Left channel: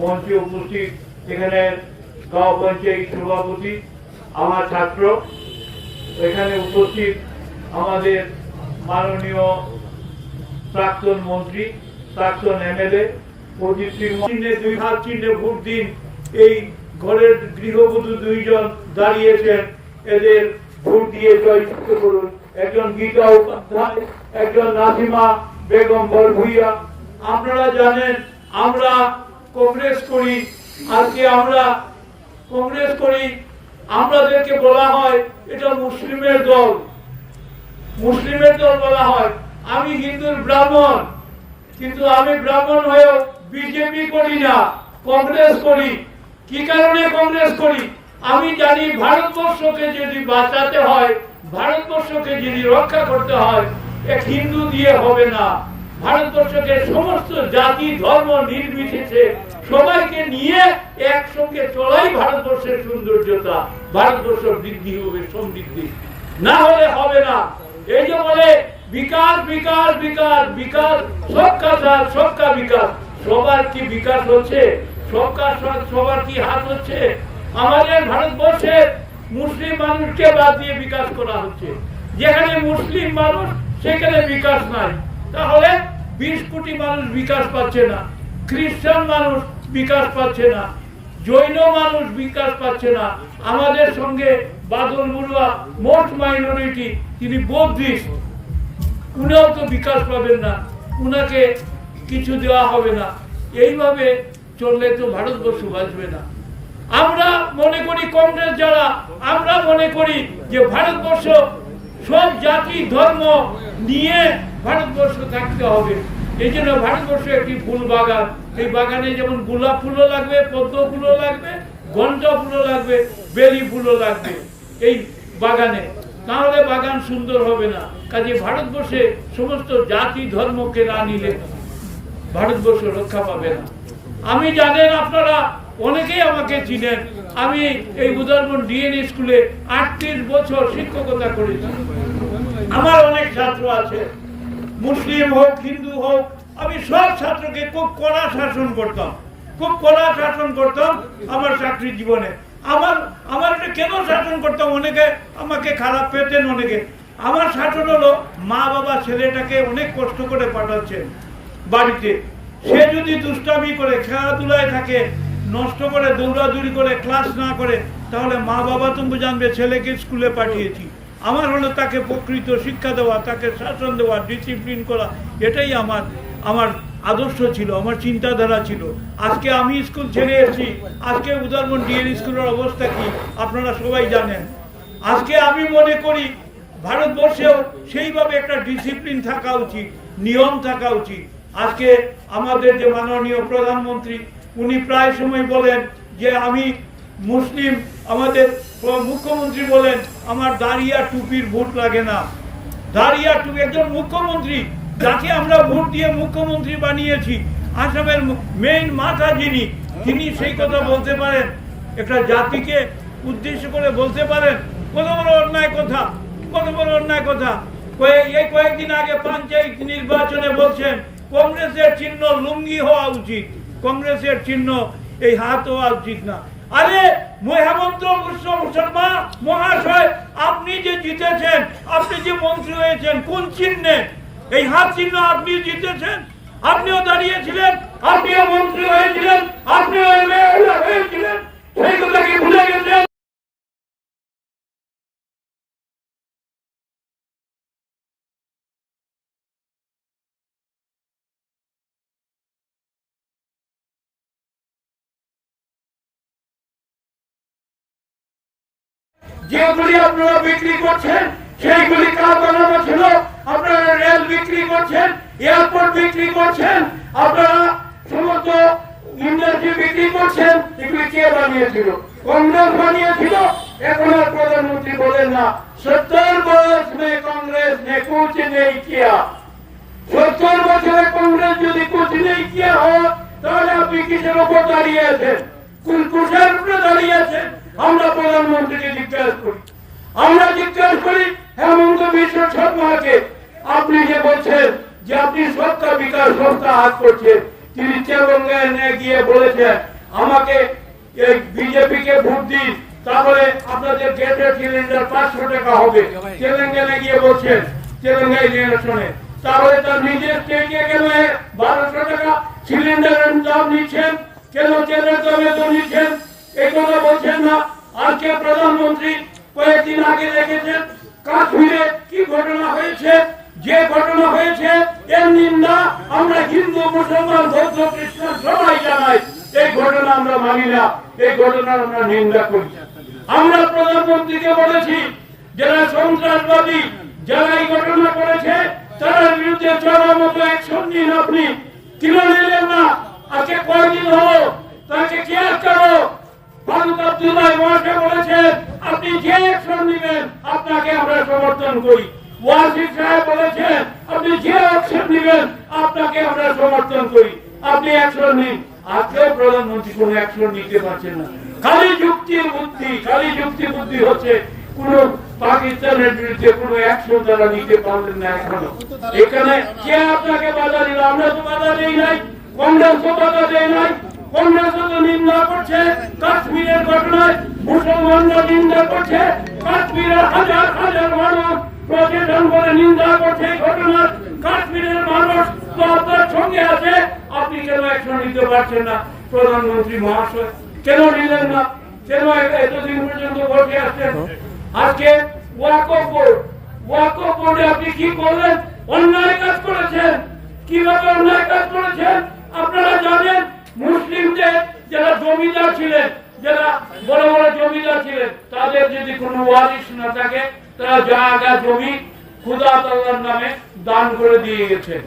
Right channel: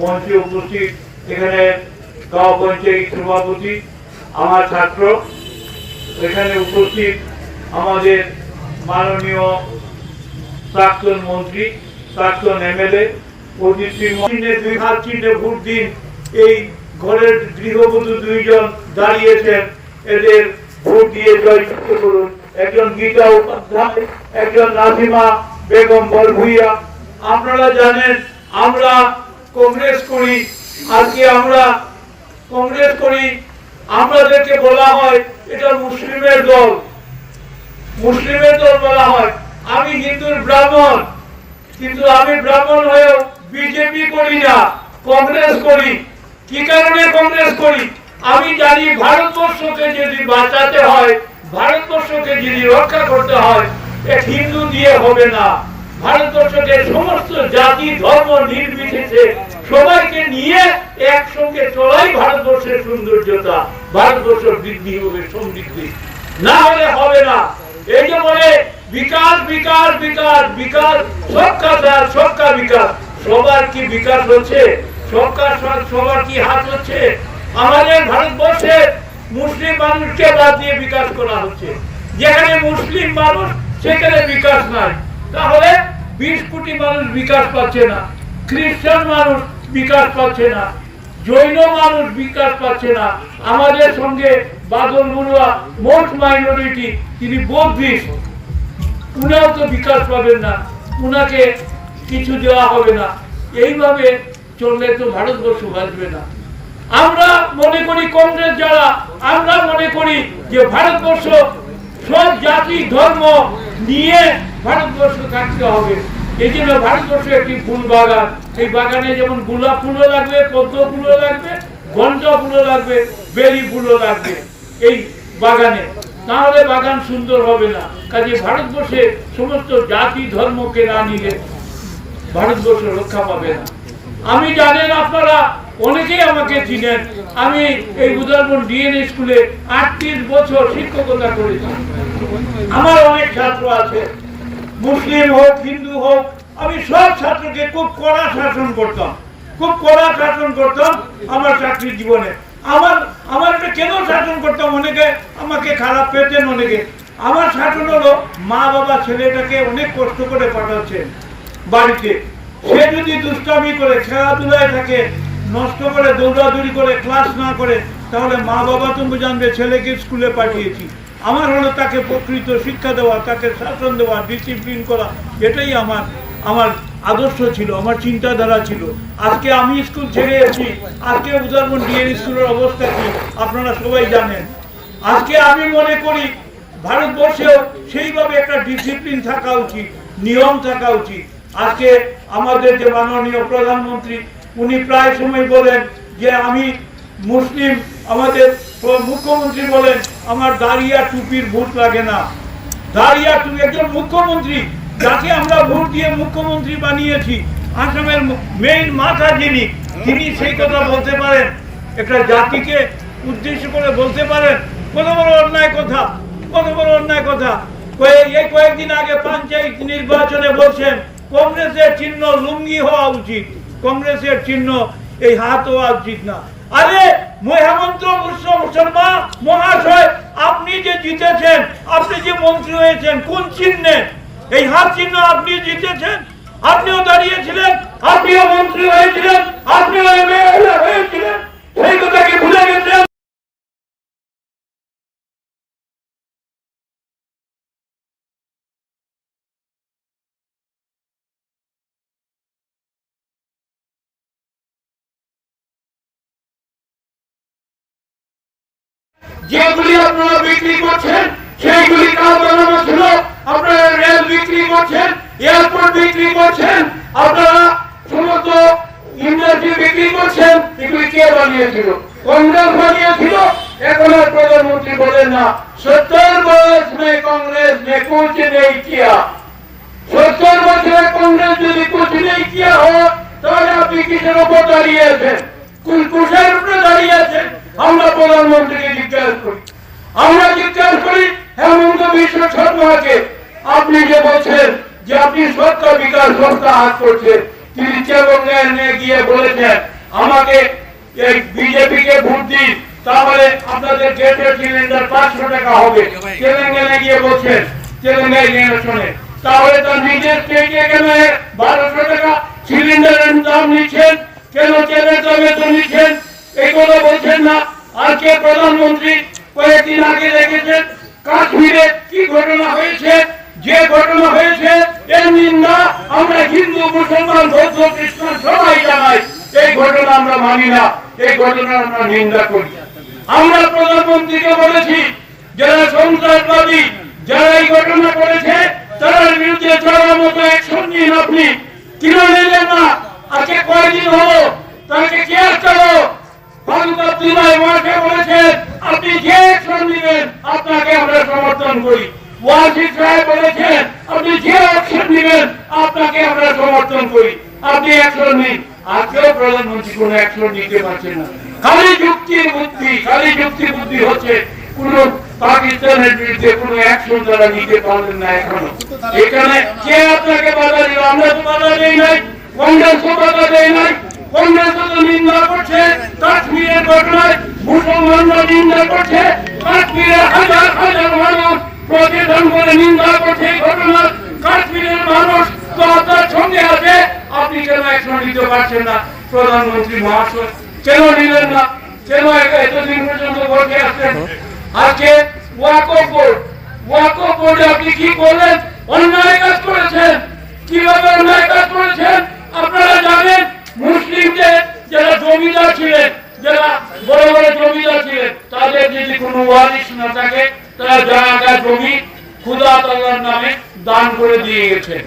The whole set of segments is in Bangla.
মঞ্চে উপস্থিত এখানে পঞ্চায়েত সভাপতি, আমার ছাত্র, এখানে উপস্থিত আমাদের মাননীয় প্রাক্তন মন্ত্রী, প্রাক্তন এমএলএ দুই হাত চিহ্নে ভোট দিন এই ঘরের গৃহবধূ দুইজন দাঁড়িয়েছেন। এদের ভোট দিয়ে জয়যুক্ত করুন। একজন গীতা উপাধ্যায়, একজন নাজিমা বেগম বরভুইয়া। আপনারা জানেন, আমরা কংগ্রেস করি আজকে আমরা? কংগ্রেস করি, আমাদেরকে বলা হয় এটা মুসলিমের দল। মুসলিমের দল বলা হয়, আমি হিন্দুর ব্রাহ্মণ, কিন্তু আমি ব্রাহ্মণ হয়েও বিজেপি করি না, কংগ্রেস করি। কি কারণে কংগ্রেস করি? আমি জানি ভারতবর্ষকে যদি বাঁচাতে হয়, ভারতবর্ষকে যদি রক্ষা করতে হয়, এক হিন্দু দিয়ে হবে না। ভারতবর্ষকে সমস্ত জাতি, ধর্ম নির্বিশেষে সবাইকে নিয়ে একসঙ্গে চলাই ভারতবর্ষের সৌন্দর্যতা, ভারতবর্ষ বৃদ্ধি হবে, সমৃদ্ধি। না হলে হবে না। এই যে বলে, বিকাশ বিকাশ বিকাশ বিকাশ, সবকা সাথ, সবকা বিকাশ। সবার কি বিকাশ হচ্ছে? সবকা সাথ, সবার কি হাত হচ্ছে? আমাদের ভারতবর্ষে মুসলিম মানুষকে বাদ দিয়ে বিকাশ করা হচ্ছে। যেখানে মুসলিম মানুষ, সেখানে বিকাশ নাই। তাহলে বিশ কোটি মানুষ বিকাশ পাচ্ছে না, খ্রিস্টান মানুষ বিকাশ পাচ্ছে না, জৈন মানুষ বিকাশ পাচ্ছে না, আমাদের সঙ্গে বাদল বড়ুয়া মোস্ট মাইনরিটি তিনি বৌদ্ধিস্ট উনাও তো বিকাশ পাবেন না, উনাকে কিছু দেওয়া হবে না। এইভাবে চললে তো ভারতবর্ষ বাঁচবে না। আমরা মনে করি কংগ্রেস যারা, আমরা মনে করি যে ভারতবর্ষ সব জাতি, ধর্ম নিয়ে ভারতবর্ষ থাকতে হবে। এই জন্য ভারতবর্ষ একটি ফুল বাগান। সেই বাগানে যেমন গোলাপ ফুলও লাগবে, পদ্ম ফুলও লাগবে, গঞ্জা ফুলও লাগবে বেলি ফুলও লাগবে এই বাগানে। তাহলে বাগান সুন্দর হবে না। কাজে ভারতবর্ষে সমস্ত জাতি, ধর্মকে না নিলে ভারতবর্ষ রক্ষা পাবে না। আমি জানেন আপনারা, অনেকেই আমাকে চিনেন। আমি এই উদাহরণ ডিএনএ স্কুলে আটত্রিশ বছর শিক্ষকতা করেছি। আমার অনেক ছাত্র আছে। মুসলিম হোক, হিন্দু হোক, আমি সব ছাত্রকে খুব কড়া শাসন করতাম। খুব কড়া শাসন করতাম আমার চাকরির জীবনে। আমার আমার এটা কেন শাসন করতাম? অনেকে আমাকে খারাপ পেতেন, অনেকে। আমার শাসন হলো মা বাবা ছেলেটাকে অনেক কষ্ট করে পাঠাচ্ছেন বাড়িতে। সে যদি দুষ্টামি করে, খেলাধুলায় থাকে, নষ্ট করে, দৌড়াদৌড়ি করে ক্লাস না করে, তাহলে মা বাবা তুমি জানবে, ছেলেকে স্কুলে পাঠিয়েছি। আমার হলো তাকে প্রকৃত শিক্ষা দেওয়া, তাকে শাসন দেওয়া ডিসিপ্লিন করা, এটাই আমার আমার আদর্শ ছিল, আমার চিন্তাধারা ছিল। আজকে আমি স্কুল ছেড়ে এসেছি, আজকে উদাহরণ ডিএন স্কুলের অবস্থা কি, আপনারা সবাই জানেন। আজকে আমি মনে করি, ভারতবর্ষেও সেইভাবে একটা ডিসিপ্লিন থাকা উচিত, নিয়ম থাকা উচিত। আজকে আমাদের যে মাননীয় প্রধানমন্ত্রী, উনি প্রায় সময় বলেন যে, আমি মুসলিম, আমাদের মুখ্যমন্ত্রী বলেন আমার দাঁড়িয়া টুপির ভোট লাগে না। দাঁড়িয়া টুপি, একজন মুখ্যমন্ত্রী, যাকে আমরা ভোট দিয়ে মুখ্যমন্ত্রী বানিয়েছি, আসামের মেইন মাথা যিনি, তিনি সেই কথা বলতে পারেন। একটা জাতিকে উদ্দেশ্য করে বলতে পারেন, কত বড় অন্যায় কথা, কত বড় অন্যায় কথা। এই কয়েকদিন আগে পঞ্চায়েত নির্বাচনে বলছেন, কংগ্রেসের চিহ্ন লুঙ্গি হওয়া উচিত, কংগ্রেসের চিহ্ন এই হাত হওয়া উচিত না। আরে হেমন্ত শর্মা মহাশয়, আপনি যে জিতেছেন, আপনি যে মন্ত্রী হয়েছেন, কোন চিহ্নে? এই হাত চিহ্ন আপনি জিতেছেন? আপনিও দাঁড়িয়েছিলেন, আপনিও মন্ত্রী হয়েছিলেন, আপনিও যেগুলি আপনারা বিক্রি করছেন, সেইগুলি কাল ছিল। আপনারা রেল বিক্রি করছেন, এয়ারপোর্ট বিক্রি করছেন, আপনারা সমস্ত ইন্ডাস্ট্রি বিক্রি করছেন, এগুলি কে বানিয়েছিল? কংগ্রেস বানিয়েছিল, এখন আর প্রধানমন্ত্রী বলেন না। সত্তর বয়স মে কংগ্রেস নে কুচ নেই কিয়া। সত্তর বছরে কংগ্রেস যদি কুচ নেই কিয়া হোক তাহলে আপনি কিসের উপর দাঁড়িয়ে আছেন? কুলকুশের উপরে দাঁড়িয়ে আছেন? আমরা প্রধানমন্ত্রীকে জিজ্ঞাসা করি। আমরা জিজ্ঞাসা করি, হেমন্ত বিশ্ব শর্মাকে আপনি যে বলছেন যে আপনি সত্তা বিকাশ সংস্থা হাত করছেন, তিনি চেবঙ্গায় গিয়ে বলেছেন, আমাকে এই বিজেপি কে ভোট দিন, তাহলে আপনাদের গ্যাসের সিলিন্ডার পাঁচশো টাকা হবে। তেলেঙ্গানা গিয়ে বলছেন, তেলেঙ্গানা ইলেকশনে। তাহলে তার নিজের স্টেটে গেলে বারোশো টাকা সিলিন্ডারের দাম নিচ্ছেন, কেন তেলের দাম এত নিচ্ছেন? এগুলো বলছেন না। আজকে প্রধানমন্ত্রী কয়েকদিন আগে দেখেছেন কাশ্মীরে কি ঘটনা হয়েছে, যে ঘটনা হয়েছে এর নিন্দা আমরা হিন্দু, মুসলমান, বৌদ্ধ, খ্রিস্টান সবাই জানাই, এই ঘটনা আমরা মানি না, এই ঘটনা আমরা নিন্দা করি। আমরা প্রধানমন্ত্রীকে বলেছি, যারা সন্ত্রাসবাদী, যারা এই ঘটনা করেছে তার বিরুদ্ধে চলার মতো অ্যাকশন নিন আপনি। কেন নিলেন না, আজকে কয়েকদিন হলো তাকে কে চালো ফারুক আব্দুল্লাহ ওয়াকে বলেছেন, আপনি যে অ্যাকশন নেবেন আপনাকে আমরা সমর্থন করি। ওয়াজিদ সাহেব বলেছেন, আপনি যে অ্যাকশন নেবেন আপনাকে আমরা সমর্থন করি। আপনি অ্যাকশন নিন আজকেও প্রধানমন্ত্রী কোনো অ্যাকশন নিতে পারছেন না। খালি যুক্তির বুদ্ধি, খালি যুক্তি তো বাধা দেই নাই, কংগ্রেসও বাধা দেয় নাই। তো নিন্দা করছে, কাশ্মীরের ঘটনায় মুসলমানরা নিন্দা করছে, কাশ্মীরের হাজার হাজার মানুষ প্রতিদান করে নিন্দা করছে এই ঘটনা কাশ্মীরের মানুষ তো আপনার সঙ্গে আছে, আপনি কেন অ্যাকশন নিতে পারছেন না? প্রধানমন্ত্রী মহাশয়, কেন নিলেন না? কেন এতদিন পর্যন্ত বসে আসছেন? আজকে ওয়াকফ বোর্ড, ওয়াকফ বোর্ডে আপনি কি করলেন? অন্যায় কাজ করেছেন। জমিদার ছিলেন যারা বড় বড় জমিদার ছিলেন তাদের যদি কোনো ওয়ারিশ না থাকে, তারা জায়গা জমি খুদা তাল্লার নামে দান করে দিয়ে গেছেন।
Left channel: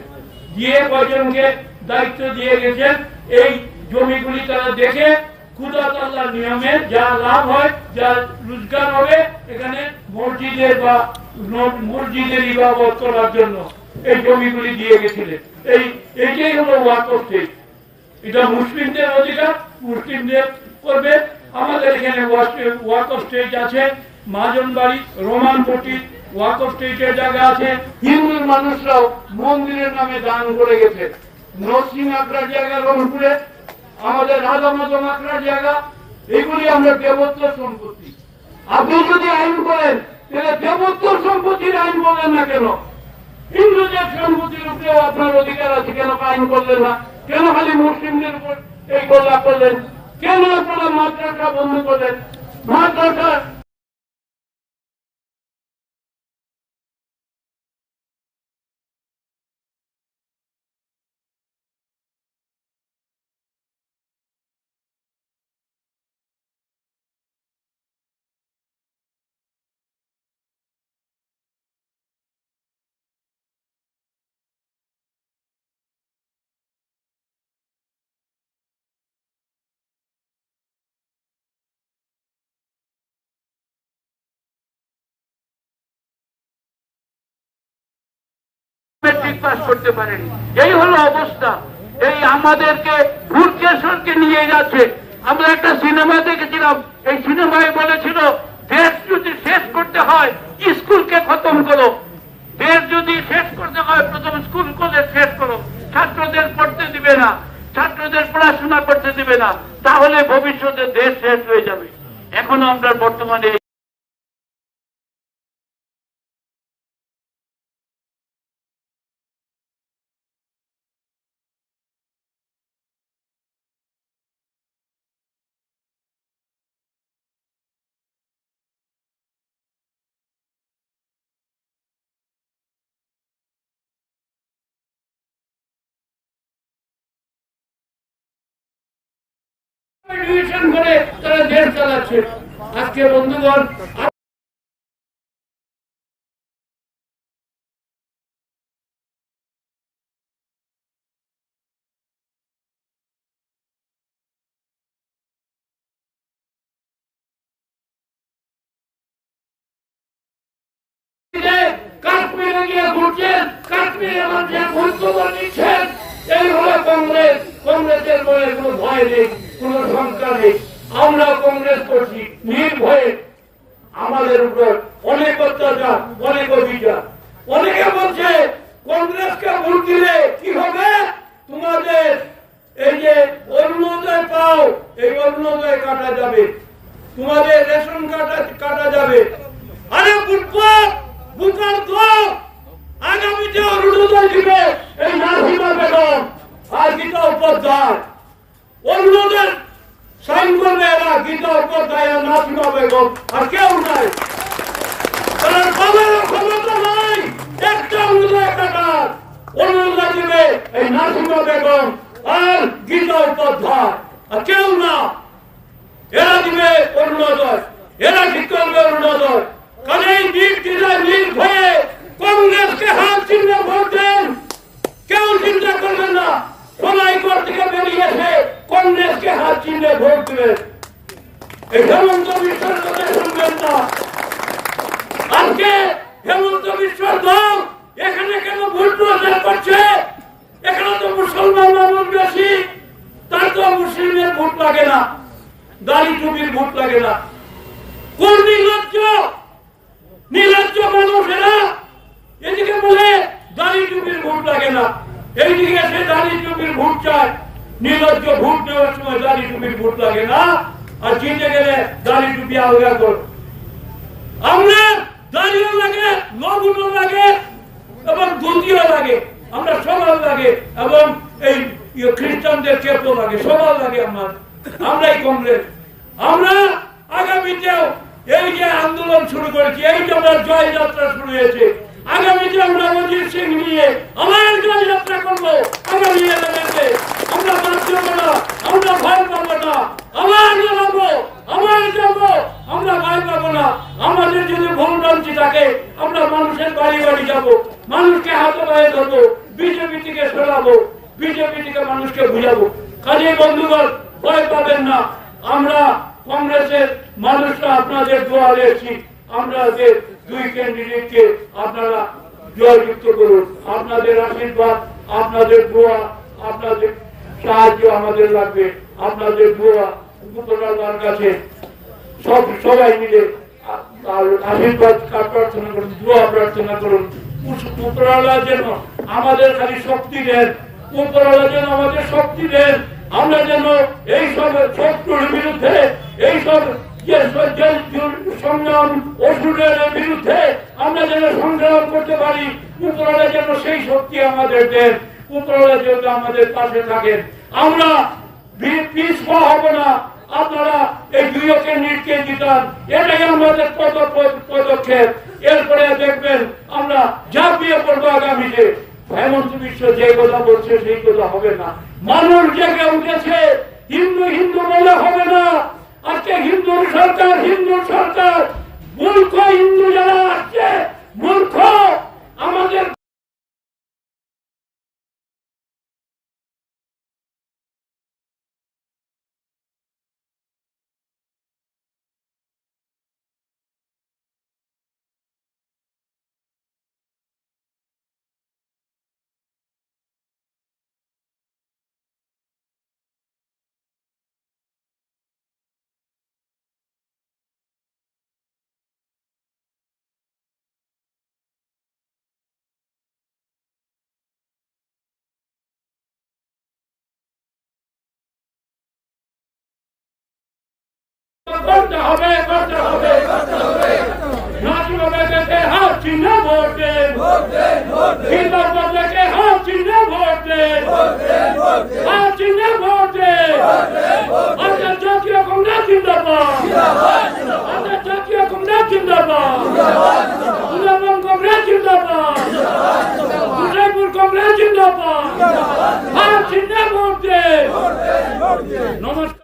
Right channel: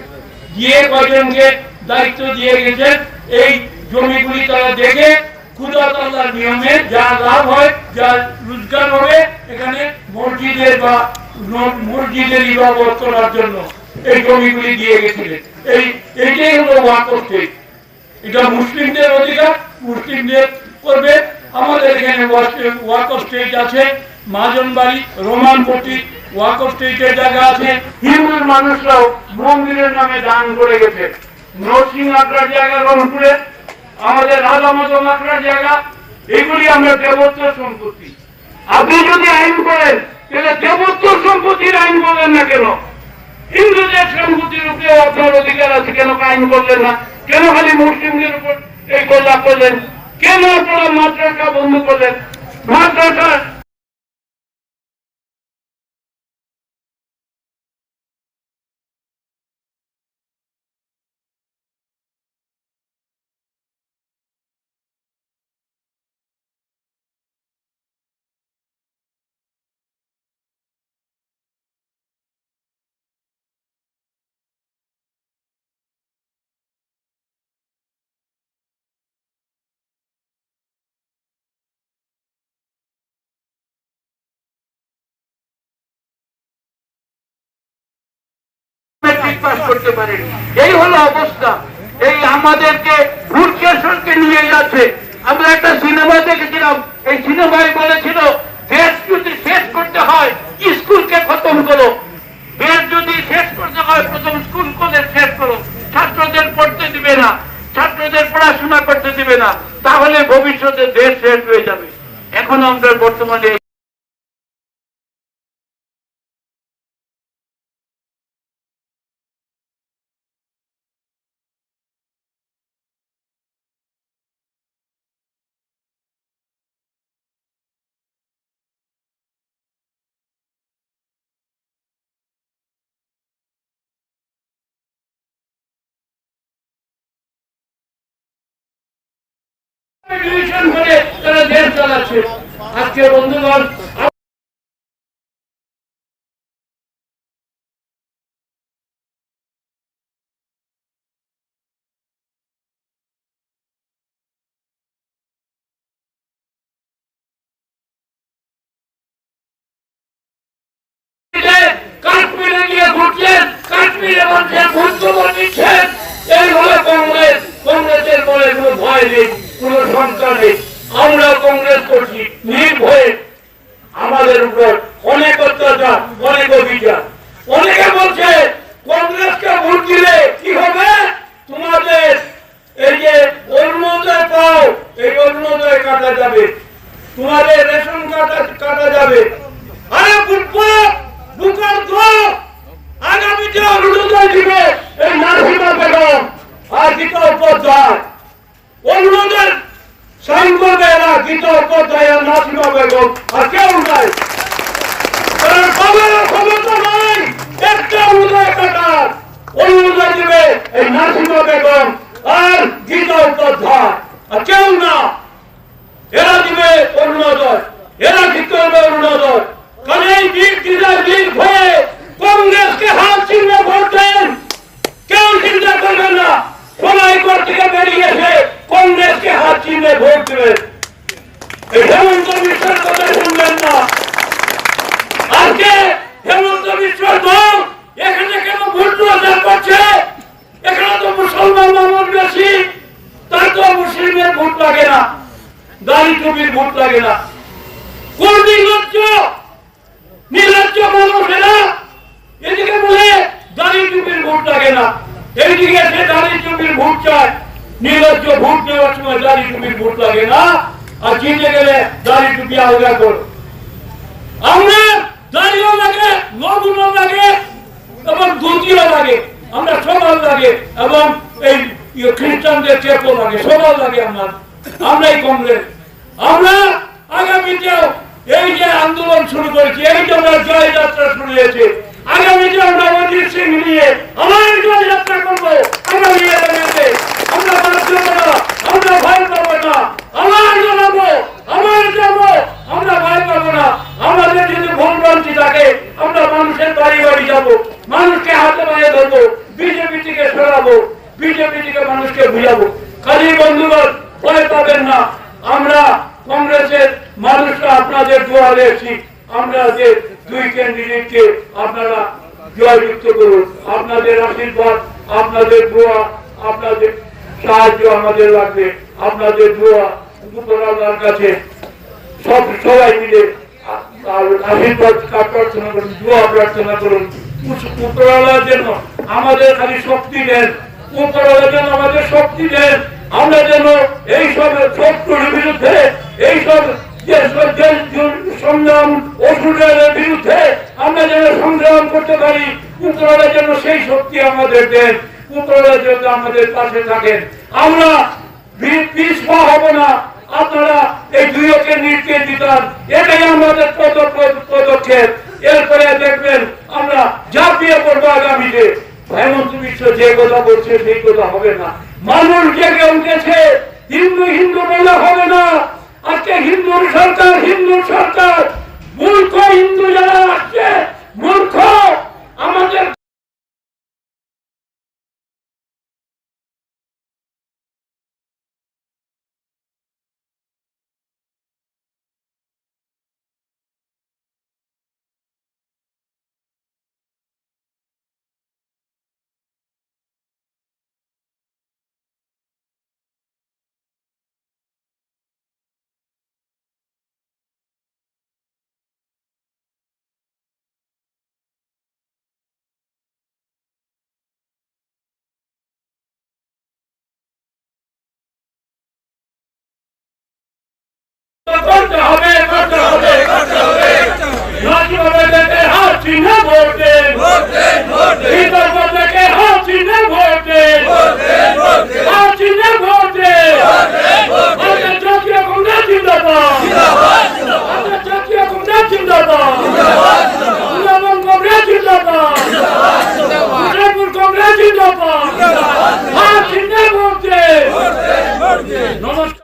দিয়ে কয়জনকে দায়িত্ব দিয়ে গেছেন, এই জমিগুলি তারা দেখে খুদা তাল্লার নিয়মে যা লাভ হয়, যা রোজগার হবে, এখানে মসজিদের বা মসজিদের ইবাদত করার জন্য এই জমিগুলি দিয়ে গেছিলেন। এই এইটাই হলো ওয়াকফ এটা মুসলিমদের অধিকার মুসলিমদের করবে। আমাদের এখানে ওয়াকফ স্টেট আছে মাজন বাড়ি রোমানপট্টি ওয়াকফ স্টেটের জায়গা আছে। হিন্দু মানুষরাও মন্দিরের নামে দান করে গেছে। নরসিং আগ্রার জায়গা রংপুরে, আমাদের রাজা মজম জায়গা, এগুলি আমরা দেবত্ব সম্পত্তি। আপনি যদি আইন করেন, তাহলে দেবত্ব সম্পত্তির আইন বলেন না কেন? হিন্দুদের সম্পত্তির উপরে আপনার অধিকার আছে, কেন আইন করলেন না? কেন খালি মুসলিমদের উপর এই গোলা করলেন কেন আপনারা মাদ্রাসা বন্ধ করলেন? মাদ্রাসা করতে পারে এই হলো অবস্থা। এই আমাদেরকে ভূতকেশরকে নিয়ে যাচ্ছে। আমরা একটা সিনেমা দেখেছিলাম। এই সিনেমায় বলেছিল দেশ যদি শেষ করতে হয়, স্কুলকে খতম করো। দেশ যদি শেষ করতে হয়, প্রথম স্কুল কলেজ শেষ করো। ছাত্রদের পড়তে দিবে না। ছাত্রদের পড়াশোনা করতে দিবে না। তাহলে ভবিষ্যতে দেশ শেষ হয়ে যাবে। এখন আমরা বর্তমানে ডিভিশন করে তারা দেশ চালাচ্ছে। আজকে বন্ধুগণ, কাশ্মীরে গিয়ে ঘুরছেন, কাশ্মীরে বলছেন ভূতখবর নিচ্ছেন এই হলো কংগ্রেস, কংগ্রেসের বলে কোনো ভয় নেই। কোনো সংস্কার নেই। আমরা কংগ্রেস করছি নির্ভয়ে আমাদের উপর অনেক অত্যাচার, অনেক অভিযান। অনেকে বলছে, কংগ্রেসকে ভোট দিলে কি হবে? তোমাদের এই যে অরুণোদয় পাও, এই অরুণোদয় কাটা যাবে। তোমাদের রেশন কাটা কাটা যাবে। আরে বুটপাট বুকার দো আগামীতে অরুণোদয় দিবে এই নাসিমা বেগম আর গীতা উপাধ্যায় অরুণোদয় সাইন উপাধ্যায় আর নাসিমা বেগম, আর কেউ নাই। কারণ বাবার ক্ষমতা নাই, একটা অরুণোদয় কাটার। অরুণোদয় দিবে এই নাসিমা বেগম আর গীতা উপাধ্যায় আর কেউ না। এরা দিবে অরুণোদয় এরা ঠিক করবে অরুণোদয় কারণ এই দিদার দিক হয়ে কংগ্রেসকে হাত চিহ্নে ভোট দেন। কেউ চিন্তা করবে না। সবাই ঘর থেকে বেরিয়ে এসে কংগ্রেসকে হাত চিহ্নে ভোট দেবেন। হেমন্ত বিশ্বের কথা শুনবেন না। আজকে হেমন্ত বিশ্বের দল এখানে কেন ভোট প্রচার করছে? এখানে তো মুসলমান মানুষ বেশি। তার তো মুসলিমের ভোট লাগে না। দাড়ি টুপির ভোট লাগে না। কোন নির্লজ্জ নির্লজ্জ মানুষেরা এদিকে বলে দাড়ি টুপির ভোট লাগে না। এইদিকে এসে দাড়ি টুপির ভোট চায়। নির্লজ্জ ভোট নেওয়ার সময় দাড়ি টুপির ভোট লাগে না। আর জিতে গেলে দাড়ি করো। আমরা দাড়িও লাগে লাগে এবং ধুতিও লাগে। আমরা লাগে এবং এই ইয়ে খ্রিস্টানদের চেপও লাগে লাগে আমার। আমরাই কংগ্রেস। আমরা আগামীতেও এই যে আন্দোলন শুরু করেছি, এই যে আমরা জয় যাত্রা শুরু হয়েছে আগামীতে আমরা অজিত সিং নিয়ে আবার জয় যাত্রা করব আগামী আগামীতে আমরা বাধ্য না আমরা ভয় পাবো না আবার জানাব আবার যাব আমরা ভয় পাবো না আমাদের যদি ভুল ভ্রান্তি থাকে আমরা মানুষের বাড়ি বাড়ি যাব মানুষকে হাতে পায়ে ধরবো বিজেপি থেকে সরাবো বিজেপি থেকে মানুষকে বুঝাবো খালি বন্ধুগণ ভয় পাবেন না আমরা মানুষরা আপনাদের আমরা দুই ক্যান্ডিডেটকে আপনারা জয়যুক্ত করুন। আপনাদের আশীর্বাদ, আপনাদের দোয়া, আপনাদের সাহায্য আমাদের লাগবে। আপনাদের দোয়া কাছে সব সবাই মিলে আশীর্বাদ প্রার্থনা করুন, দোয়া প্রার্থনা করুন। উপরওয়ালা যেন আমাদের খালি শক্তি দেন। উপরওয়ালা যেন আমাদের শক্তি দেন। আমরা যেন এই সব শত্রুর বিরুদ্ধে সংগ্রাম অসুরের বিরুদ্ধে আমরা যেন সংগ্রাম করতে পারি। উপরওয়ালা যেন সেই শক্তি আমাদের দেন। উপরওয়ালা যেন আমাদের পাশে থাকেন। আমরা পিছপা হবে না। আপনারা এই দুই অকে নির্কে দিতাম এটাই আমাদের পদ- পদ- পদক্ষেপ। এরপরে দেখবেন আমরা ঝাঁপিয়ে পড়ব আগামীতে। হেমন্ত বিশ্ব যে কথা বলছে সেই কথা হবে না। মানুষ জেগে উঠেছে। হিন্দু হিন্দু বলে হবে না। আজকে হিন্দু সরকার হিন্দু সরকার মূর্খ হিন্দু যারা আসছে মূর্খ আমাদের করতে হবে করতে হবে করতে হবে। নাকি বলে দেবে হাত চিহ্নে ভোট দেন ভোট দেন ভোট দেন ভিতর বলে কে হাত চিহ্নে ভোট দেন ভোট দেন ভোট দেন হাত চিহ্নে নমস্কার।